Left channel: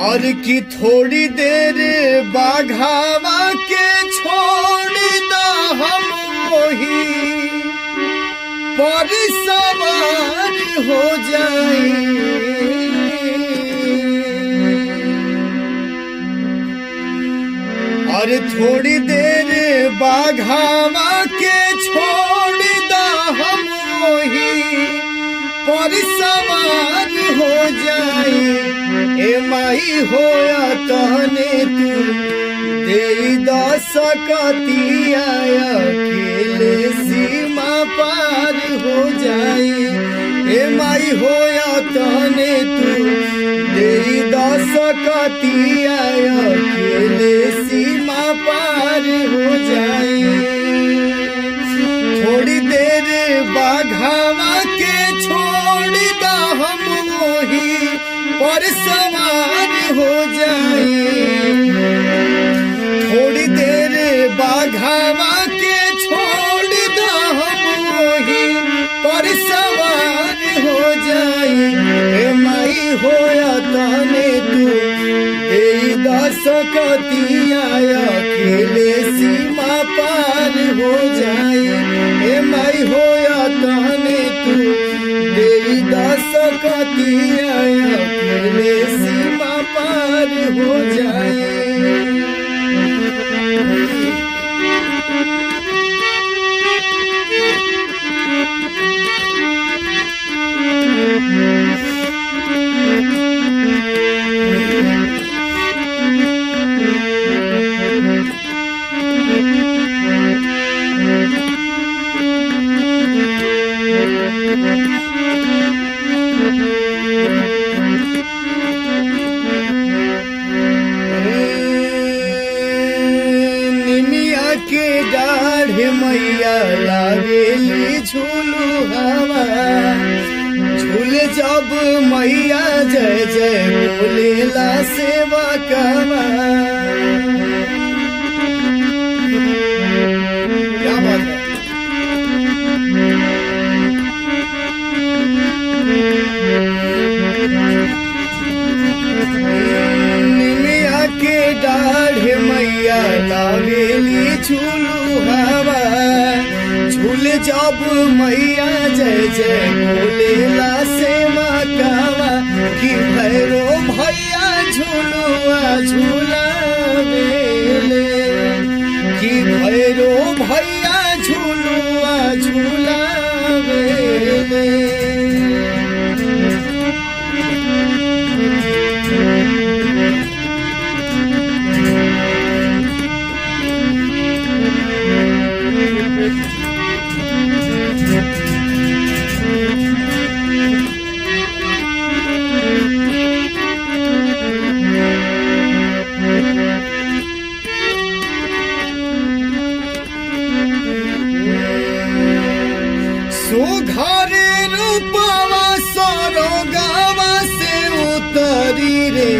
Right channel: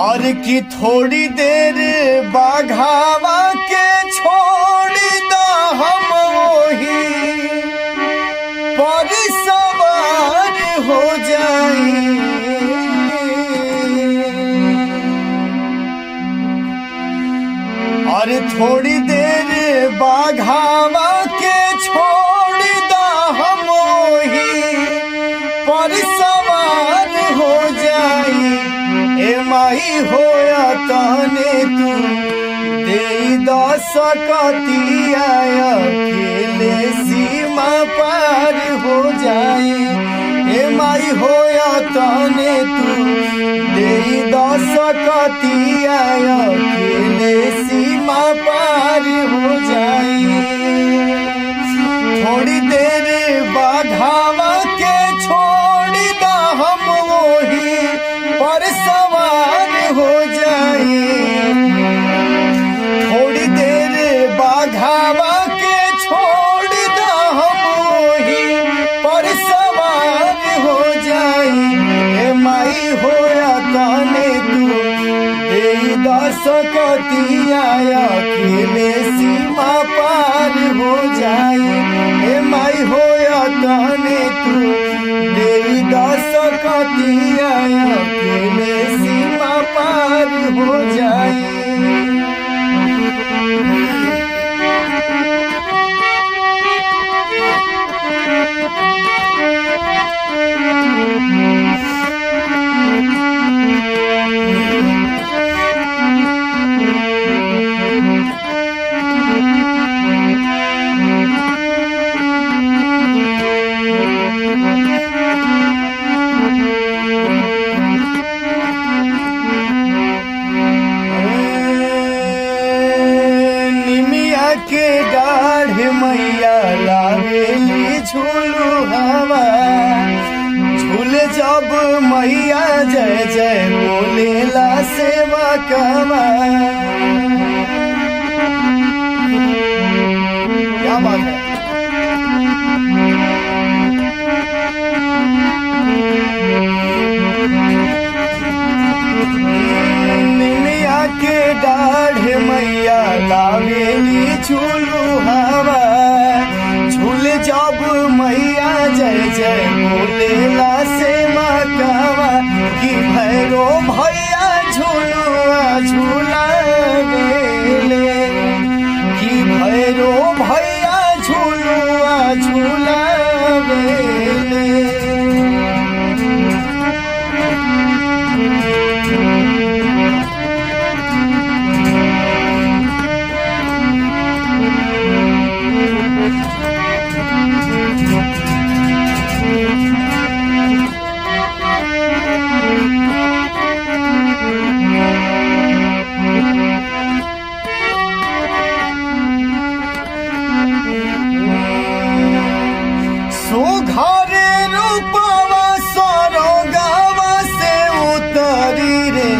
और की थोड़ी देर बाघावा के छोड़ दा हम वही पर सवार हो जाए। और थोड़ी देर बाघावा के छोड़ दा हम वही पर सवार हो जाए। ए माई होया कहने तू दे दस कतिया अकेले सीमा पार हो जाए। ए माई होया कहने तू दे दस कतिया अकेले सीमा पार हो जाए। थोड़ी देर बाघावा के छोड़ दा हम वही पर सवार हो जाए। थोड़ी देर बाघावा के छोड़ दा हम वही पर सवार हो जाए। ए माई होया ताने तू दे दस कतिया अकेले सीमा पार हो जाए। ए माई होया ताने तू दे दस कतिया अकेले सीमा पार हो जाए। निमिया के डाढ़ मैया लावेली झूलू हवा झूले जब मैया जय जय बोलेला सेवा कवा। क्या बात है। निमिया के डाढ़ मैया लावेली झूलू हवा झूले जब मैया जय जय बोलेला सेवा कवा। कि भैरो भैया झूलुआ झूला कि भैरो भैया झूलुआ झूला सुघरे रूपवा सरोगावा से उतरी रे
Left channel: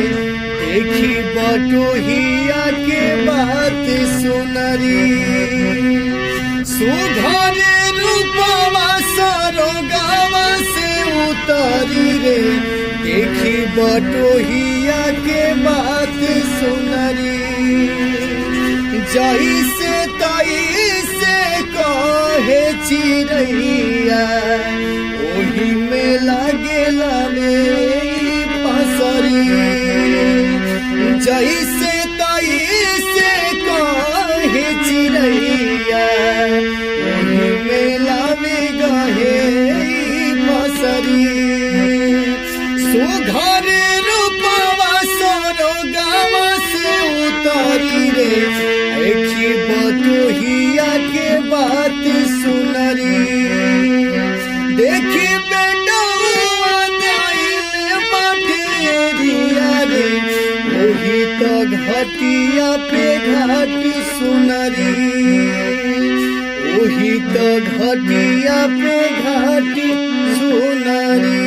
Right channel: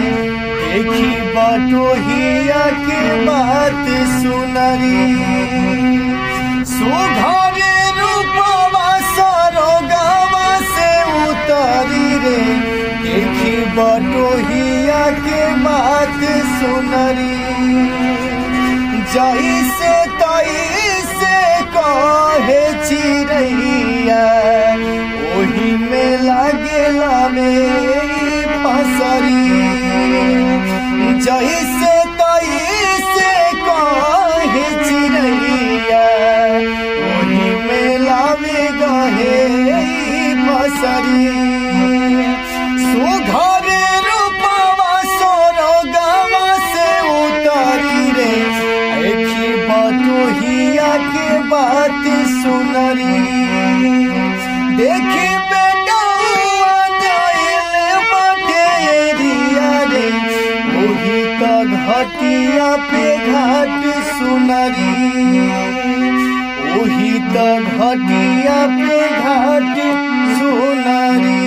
देखी बटोहिया के बात सुनरी। सुघरे रूपवा सरोगावा से उतरी रे देखी बटोहिया के बात सुनरी। जैसे तैसे कहे चिड़ैया ओही में लागेला मेरी फसरी। जैसे तैसे कहे चिड़ैया ओही में लावे गहे फसरी। सुघरे रूपवा सरोगावा से उतरी रे देखी बटोहिया के बात सुनरी। देखी बेटौआ गइल बटेरिया रे ओही त घटिया पे घाट सुनरी। ओही त घटिया पे घाट सुनरी।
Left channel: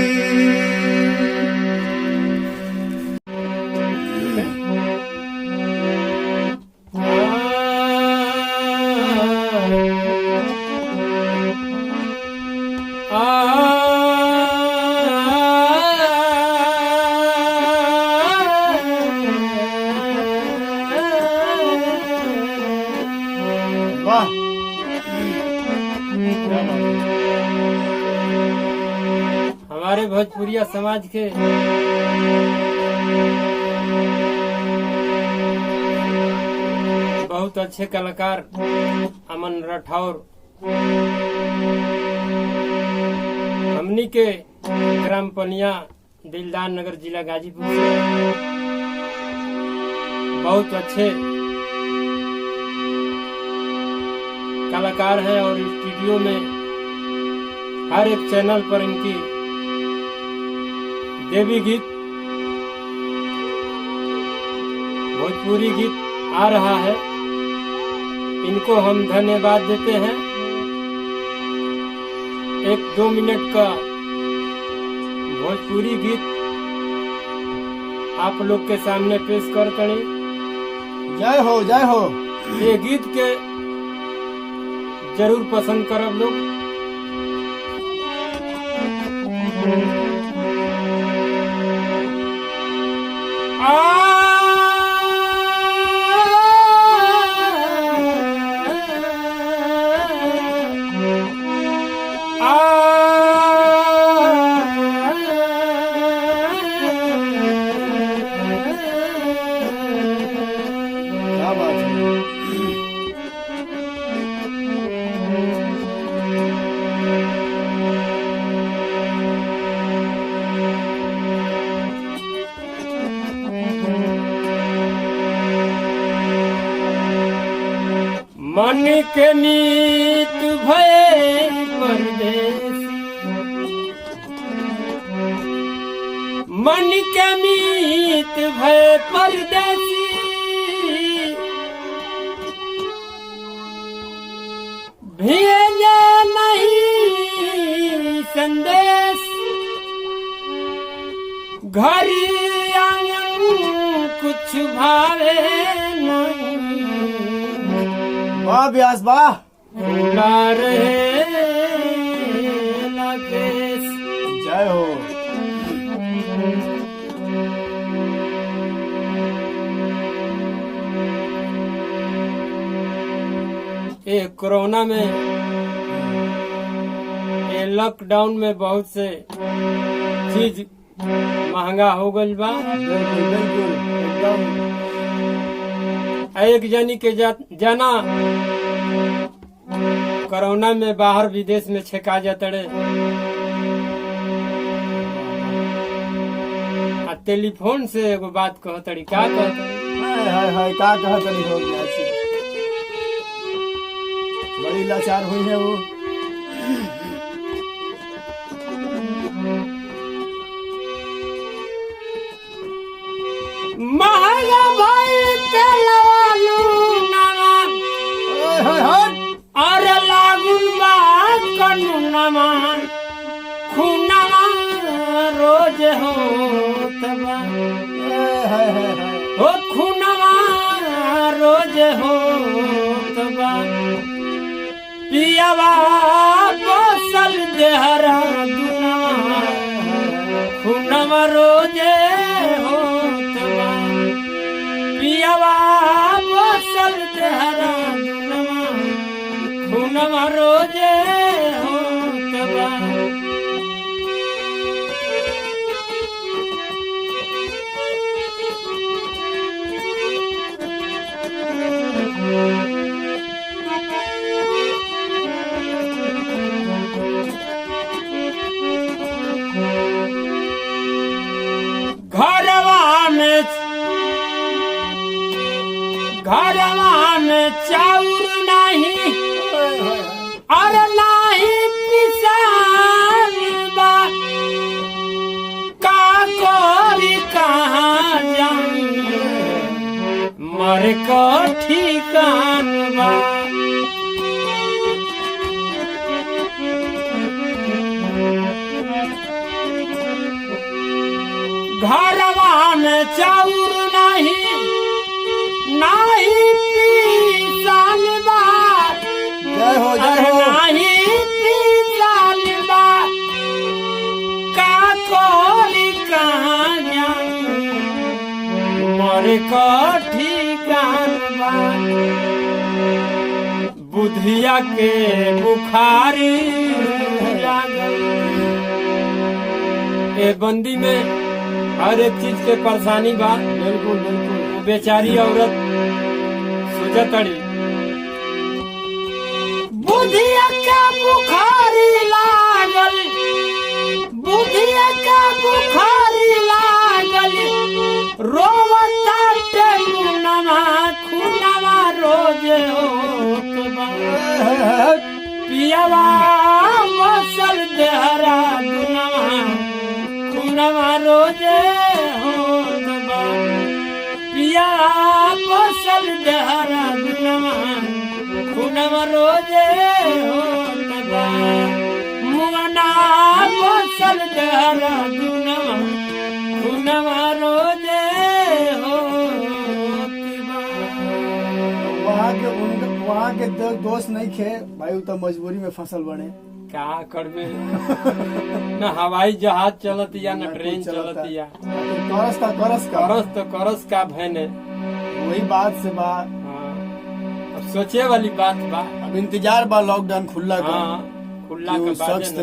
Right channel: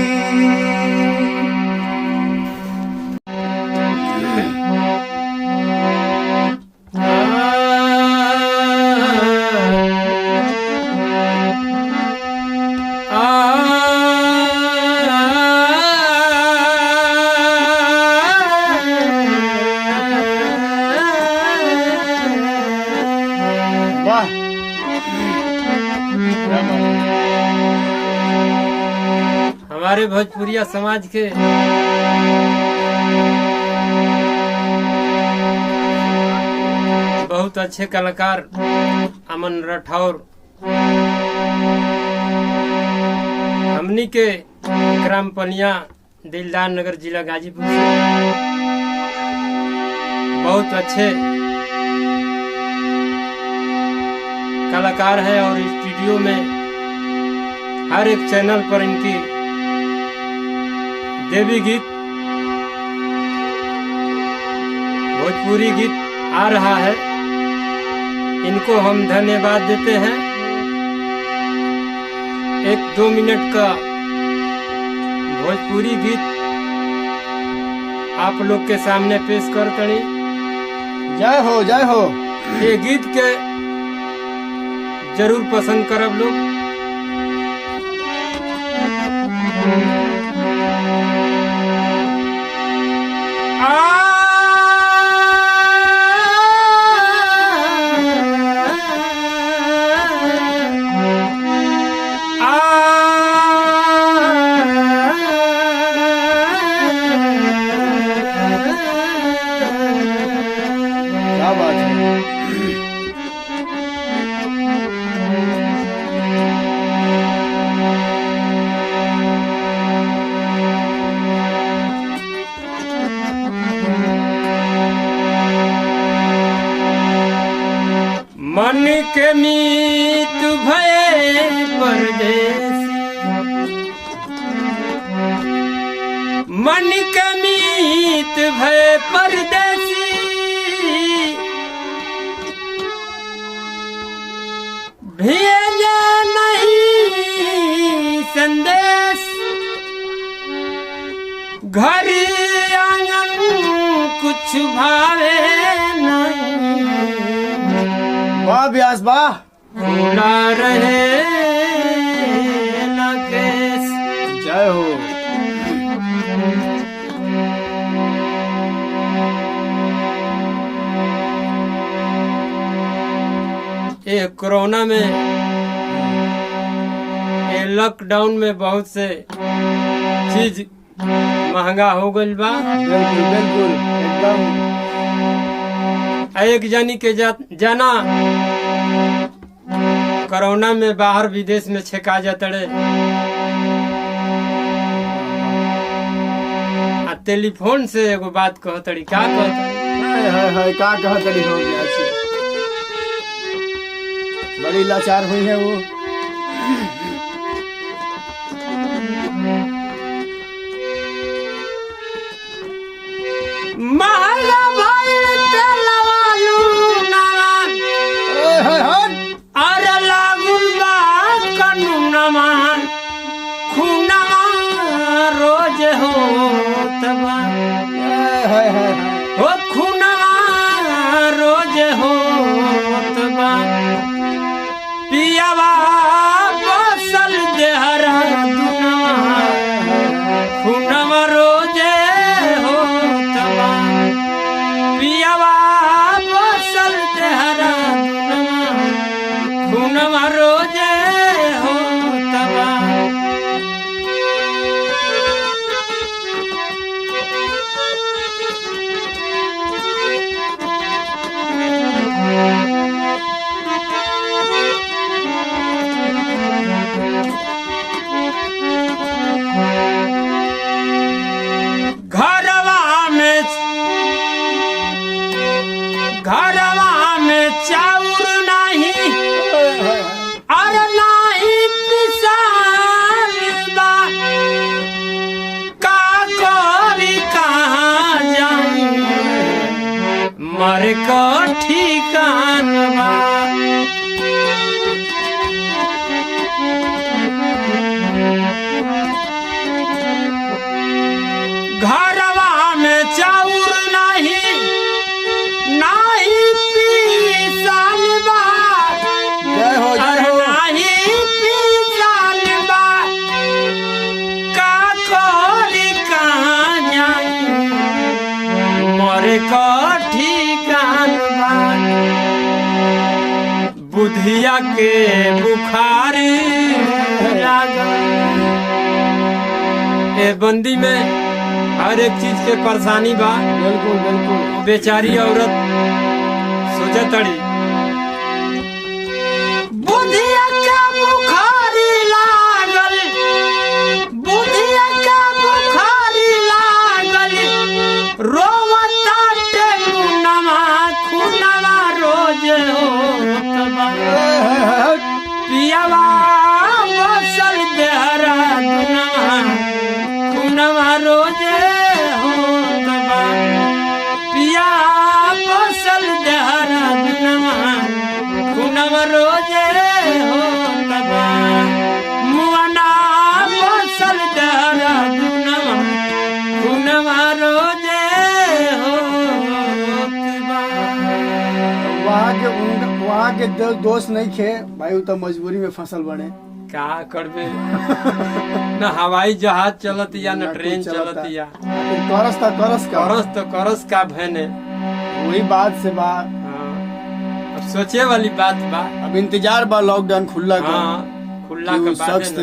भोजपुरिया समाज के बहुत अच्छे कलाकार अमन राठौर हमनी के ग्राम पनिया दिलदार नगर जिला गाजीपुर से बहुत अच्छे कलाकार है और स्टूडियो में हर एक चैनल पर इनकी देवी गीत भोजपुरी गीत आ रहा है। इनको हम धन्यवाद देते हैं। 1-2 मिनट का भोजपुरी गीत आप लोग के सामने पेश कर करी। जय हो जय हो। ये गीत के जरूर पसंद करब लोग। क्या बात है। मन के मीत भय परदेसी, मन के मीत भय परदेसी, भेजे नहीं संदेश, घर आंगन कुछ भावे नहीं, वाह व्यास वाह। ना रहे न केस। जय हो। ये कोरोना में ये लॉकडाउन में बहुत से चीज महंगा हो गई बा। बिल्कुल बिल्कुल एकदम। एक जानी के जाना कोरोना में बाहर विदेश में छेका जातड़े। टेलीफोन से एगो बात कहतड़ी। का कहतड़ी? हाय हाय हाय का कहतड़ी हो गया छी। बड़ी लाचार हुई है वो। महंगा भाई तेलवालू नारायण और लागुल बा कानूनमा खूनवा रोज हो तबा हो खूनवा रोज हो तबा पियावा बसल देहरा दुनवा खूनवा रोजे हो तबा पियावा बसल देहरा दुनवा खूनवा रोजे हो तबा। घरवा में चाउर नहीं और नहीं पिसाल बा, का कोरी कहाँ जाई मर को ठिकान बा। घरवा में चाउर नहीं पीसाल बा, जय हो जय हो। नहीं पीसाल बा, का कोरी कहाँ जाई मर को ठिकान बा। बुधिया के बुखार लागल ए बंदी में हर एक चीज के परेशानी बा। बिल्कुल बिल्कुल। बेचारी औरत सोचतड़ी बुधिया का बुखारी लागल, बुधिया का बुखारी लागल, रोवता टेमुनवा खुनवा रोज होत बा। पियवा बसल देहरा दुनवा खुनवा रोज होत बा। पिया बसल देहरा दुनवा खुनवा रोज होत बा। मुअना बसल देहरा दुनवा खुनवा रोज होत बा। वहाँ के दोस्त नहीं खे भाई, तो मजबूरी में फसल बने। का करबे न हवाई जहाज चलत या न ट्रेन चलत या। करस का करस तो करस का भैने। वही बात से बात। अब सोचे वाली बात बा। अब इंतजार बा लॉकडाउन खुला का। हाँ, खुला कि के उस बाद शख्स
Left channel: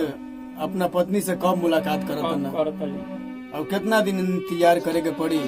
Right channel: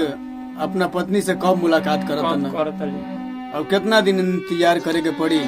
अपना पत्नी से कब मुलाकात करत न। करत अब कितना दिन इंतजार करे के पड़ी।